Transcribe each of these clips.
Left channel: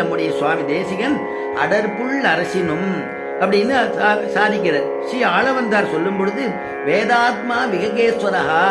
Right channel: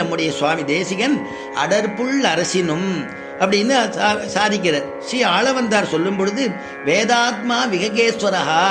நம்முடைய சுவாமி தேசிகன் அடர்புள் அரசினும் அப்படின்னு சாதிக்கிறார். ஸ்ரீ ஆளவந்தார் சொல்லும் பொழுது வேதாத்மா விககேஸ்வரஹா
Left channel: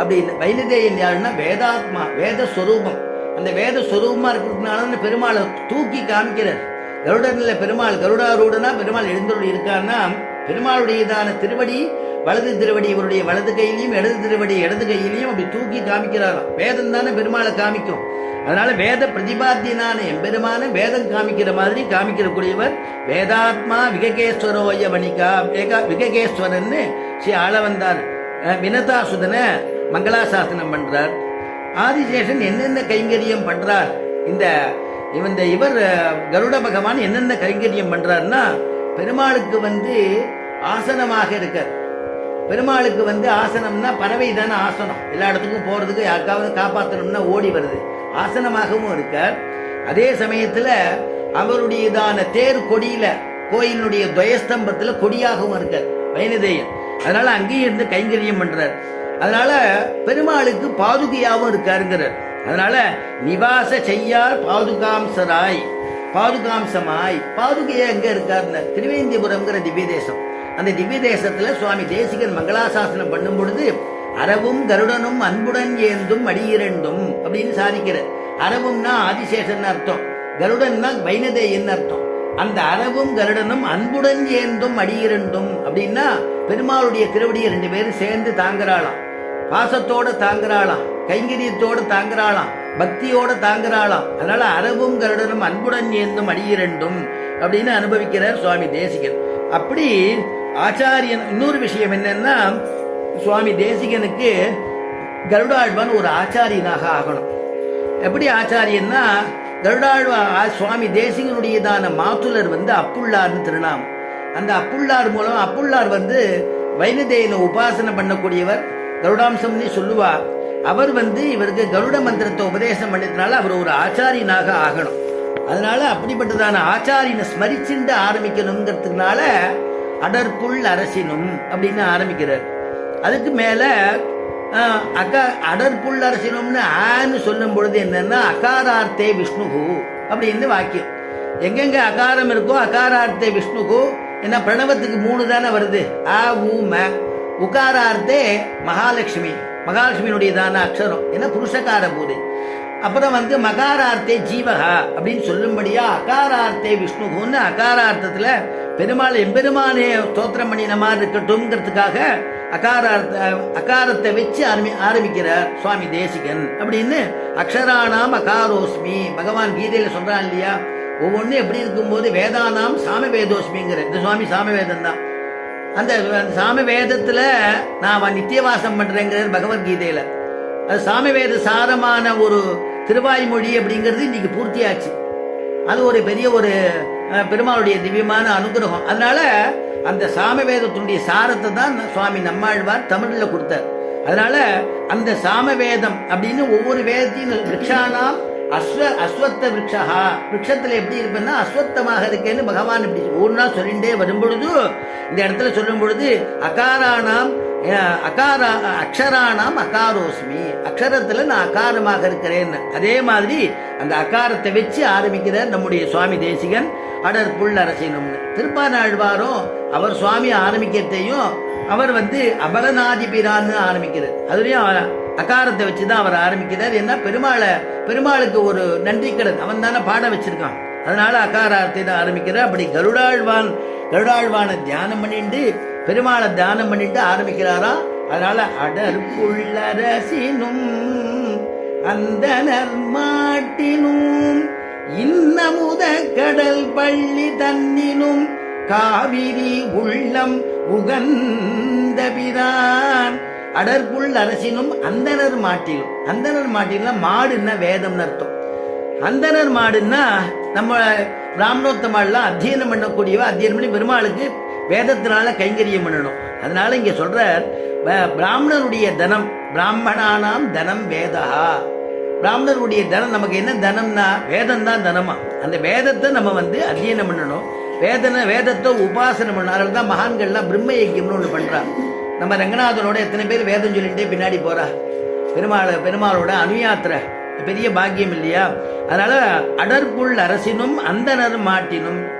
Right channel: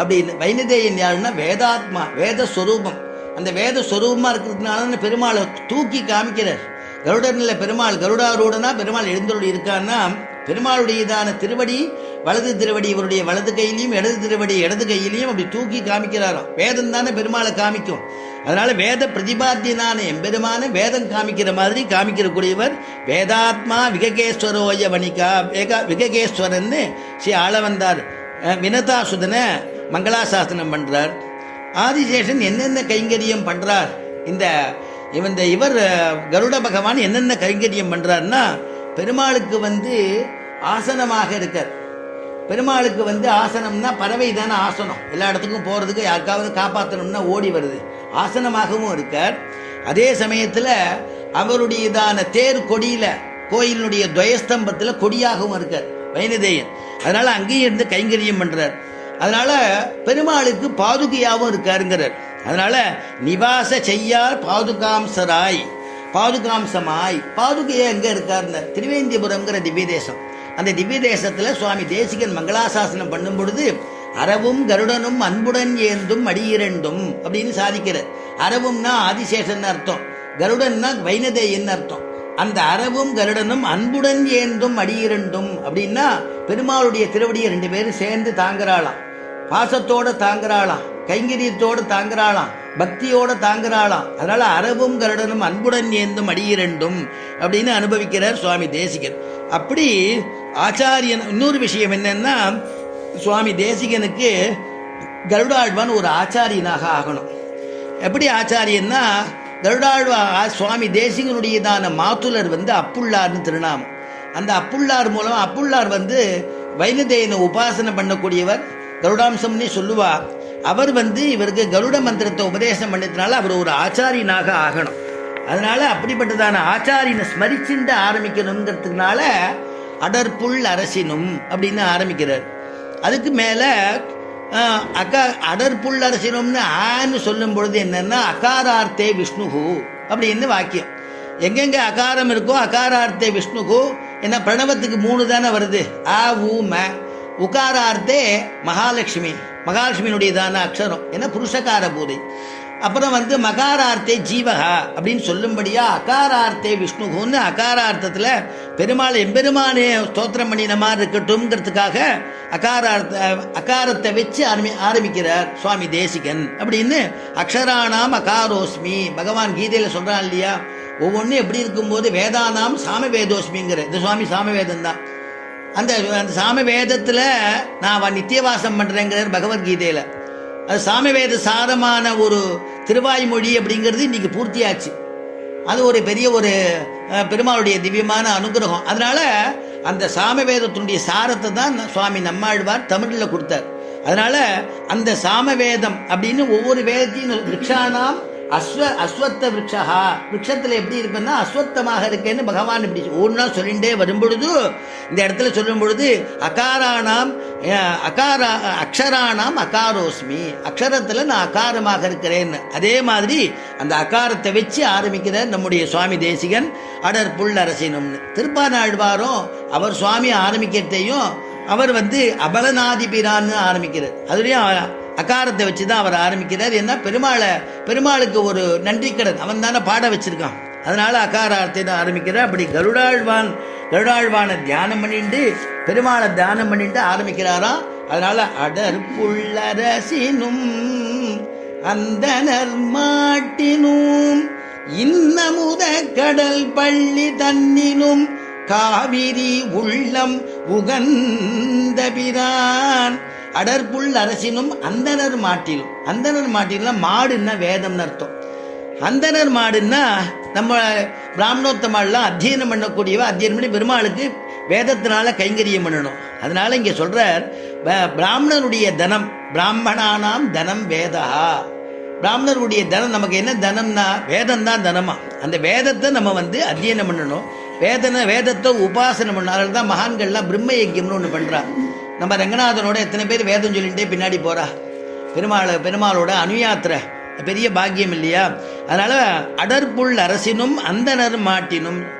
அப்படின்னு. வைணதேயன் யாருன்னா வேதாத்மா, வேதஸ்வரூபம். அந்த வேதஸ்வரூபமா இருக்கிறதுனால பெருமாளை தூக்கி காமிக்கிறார். கருடனில் பெருமாள் கருடாரூடனா பெருமாள் எழுந்தருள் இருக்கான்னா பெருமாளுடையதான திருவடி வலது திருவடி இவருடைய வலது கையிலையும் இடது திருவடி இடது கையிலையும் அப்படி தூக்கி காமிக்கிறாராம். வேதம் தானே பெருமாளை காமிக்கும். அதனால வேத பிரதிபாத்தியனான எம்பெருமான வேதம் காமிக்கிற மாதிரி காமிக்கிறக்கூடியவர் வேதாத்மா விககேஸ்வரோய வணிகா விககேஸ்வரன்னு ஸ்ரீ ஆளவந்தார் வினதாசுதனை மங்களாசாசனம் பண்றார். ஆதிசேஷன் என்னென்ன கைங்கரியம் பண்றார், இவர் கருட பகவான் என்னென்ன கைங்கரியம் பண்றாருன்னா பெருமாளுக்கு ஆசனமாக இருக்கார். பெருமாளுக்கு ஆசனம்னா பறவை தானே ஆசனம். எல்லா இடத்துக்கும் போறதுக்கு யாருக்காவது காப்பாற்றணும்னா ஓடி வருது. ஆசனமாகவும் இருக்கார். அதே சமயத்துல அவருடையதான தேர் கொடியில கோயிலுடைய துவயஸ்தம்பத்துல கொடியாகவும் இருக்கார் வைணதேயன். அதனால அங்கேயும் இருந்து கைங்கரியம் பண்றார். அதனால பெருமாளுக்கு பாதுகையாகவும் இருக்காருங்கிறார். அதனால நிவாச செய்யார் பாதுகாம்சராய் பாதுகாம்சமாய். பாதுகையா எங்க இருக்காருன்னு திருவேந்திபுரம்ங்கிற திவ்ய தேசம். அந்த திவ்ய தேசத்துல சுவாமி தேசிகன் மங்களாசாசனம் பண்ணும் பொழுது அரவும் கருடனும் அன்புடன் ஏந்தும் அடியிரண்டும் அப்படின்னு சாதிக்கிறார். அரவும்னா ஆதிசேஷன் அர்த்தம், கருடன்னா வைணதேயன் அர்த்தம். அந்த அரவும் கருடனும் அன்புடன் ஏந்தும் அடியிரண்டும் அப்படின்னா பெருமாளுடைய திருவடியை ரெண்டு பேரும் சேர்ந்து தாங்குறாளாம். பாசத்தோட தாங்குறாளாம், கைங்கரியத்தோடு தாங்குறாளாம், பக்தியோட தாங்குறாளாம். அதனால அரவும் கருடனும் அன்புடன் ஏந்தும் அடியிரண்டும் அப்படின்னு அனுபவிக்கிறார் சுவாமி தேசிகன். அப்படி ஆச்சாரியன். இன்னொரு விஷயம் என்னன்னா சுவாமி தேசிகனுக்கு கருடாழ்வான் ஒரு ஆச்சாரியனாக ஆகணும். எப்படி ஆச்சாரியன்னா கருடாழ்வா சுவாமி தேசிகனுடையதான மாத்துலர் அப்புள்ளார்னு திருநாமம். அந்த அப்புள்ளார் மூலம் அப்புள்ளார் வைணதேயனை உபாசனை பண்ணக்கூடியவர், கருடாம்சம்னே சொல்லுவார். அவர் இவருக்கு கருட மந்திரத்தை உபதேசம் பண்ணதுனால அவர் ஒரு ஆச்சாரியனாக ஆகணும். அதனால அப்படிப்பட்டதான ஆச்சாரியனை ஸ்மரிச்சுண்டு ஆரம்பிக்கணுங்கிறதுனால அடர்புள் அரசினும் அப்படின்னு ஆரம்பிக்கிறார். அதுக்கு மேல அடர்புள் அரசினும்னு ஆன்னு சொல்லும் பொழுது என்னன்னா அகாரார்த்தே விஷ்ணுகு அப்படின்னு வாக்கியம். எங்கெங்க அகாரம் இருக்கோ அகாரார்த்தே விஷ்ணுகு. ஏன்னா பிரணவத்துக்கு 3 தானே வருது, ஆ ஊ ம. உகாரார்த்தே மகாலட்சுமி, மகாலட்சுமியினுடையதான அக்ஷரம், ஏன்னா புருஷகார பூதை. அப்புறம் மகாரார்த்தே ஜீவகா அப்படின்னு சொல்லும்படியா அகாரார்த்தே விஷ்ணுகுன்னு அகாரார்த்தத்துல பெருமாள் எம்பெருமானே ஸ்தோத்திரம் பண்ணின மாதிரி இருக்கட்டும்ங்கிறதுக்காக அகாரத்தை வச்சு ஆரம்பிக்கிறார் சுவாமி தேசிகன் அப்படின்னு. அக்ஷரானாம் அகாரோஸ்மி பகவான் கீதையில சொல்றான் இல்லையா, ஒவ்வொன்றும் எப்படி இருக்கும்போது வேதானாம் சாமவேதோஸ்மிங்கிற இந்த சுவாமி சாமவேதம் தான். அந்த சாமவேதத்துல நான் நித்தியவாசம் பண்றேங்கிறார் பகவத்கீதையில. அது சாமவேத சாரமான ஒரு திருவாய்மொழி அப்படிங்கிறது இன்னைக்கு பூர்த்தியாச்சு. அது ஒரு பெரிய பெருமாளுடைய திவ்யமான அனுகிரகம். அதனால அந்த சாமவேதத்தினுடைய சாரத்தை தான் சுவாமி நம்மாழ்வார் தமிழ்ல கொடுத்தார். அதனால அந்த சாமவேதம் அப்படின்னு ஒவ்வொரு வேதத்தையும் விரக்ஷானாம் அஸ்வத்த விரக்ஷா, விரக்ஷத்துல எப்படி இருப்பேன்னா அஸ்வத்தமாக இருக்கேன்னு பகவான் இப்படி ஒரு நாள் சொல்லிண்டே வரும்பொழுது இந்த இடத்துல சொல்லும் பொழுது அக்ஷரானாம் அகாரோஸ்மி, அக்ஷரத்துல நான் அகாரமாக இருக்கிறேன். அதே மாதிரி அந்த அகாரத்தை வச்சு ஆரம்பிக்கிறார் நம்முடைய சுவாமி தேசிகன் அடர்புள் அரசினும்னு. திருப்பானாழ்வாரும் அவர் சுவாமி ஆரம்பிக்கிறதையும் அவர் அபலநாதிபிரான்னு ஆரம்பிக்கிறார். அதுலயும் அகாரத்தை வச்சுதான் அவர் ஆரம்பிக்கிறார். என்ன பெருமாளுக்கு ஒரு நன்றி கடன் அவன் தானே பாட வச்சிருக்கான். அதனால அகாரார்த்தை தான் ஆரம்பிக்கிறார். அப்படி கருடாழ்வான தியானம் பண்ணிட்டு பெருமாளை தியானம் பண்ணிட்டு ஆரம்பிக்கிறாராம். அதனால அடர்புள்ளரசினும் அந்தனர் மாட்டினும் இன்னமுத கடல் பள்ளி தன்னினும் காவிரி உள்ளம் உகந்த பிரான். அடர்புள் அரசினும் அந்தனர் மாட்டிலும். அந்தனர் மாட்டிலும் மாடுன்னா வேதம்னு அர்த்தம். அந்தனர் மாடுன்னா நம்ம பிராமணோத்தமாலாம் அத்தியனம் பண்ணக்கூடியவ. அத்தியனம் பண்ணி பெருமாளுக்கு வேதத்தினால கைங்கரியம் பண்ணணும். அதனால இங்க சொல்றார் பிராமணருடைய தனம், பிராமணானாம் தனம் வேதா. பிராமணருடைய தனம் நமக்கு என்ன தனம்னா வேதம் தான் தனமா. அந்த வேதத்தை நம்ம அத்தியனம் பண்ணணும். வேதத்தை உபாசனை பண்ணணும். அதனால தான் மகான்கள்லாம் பிரம்ம யஜ்யம்னு ஒன்று பண்றா. நம்ம ரங்கநாதனோட எத்தனை பேர் வேதம் சொல்லிட்டே பின்னாடி போறா. பெருமாளோட அனுயாத்திரை பெரிய பாக்கியம் இல்லையா? அதனால அடற்புள் அரசினும் அந்தனர் மாட்டினும்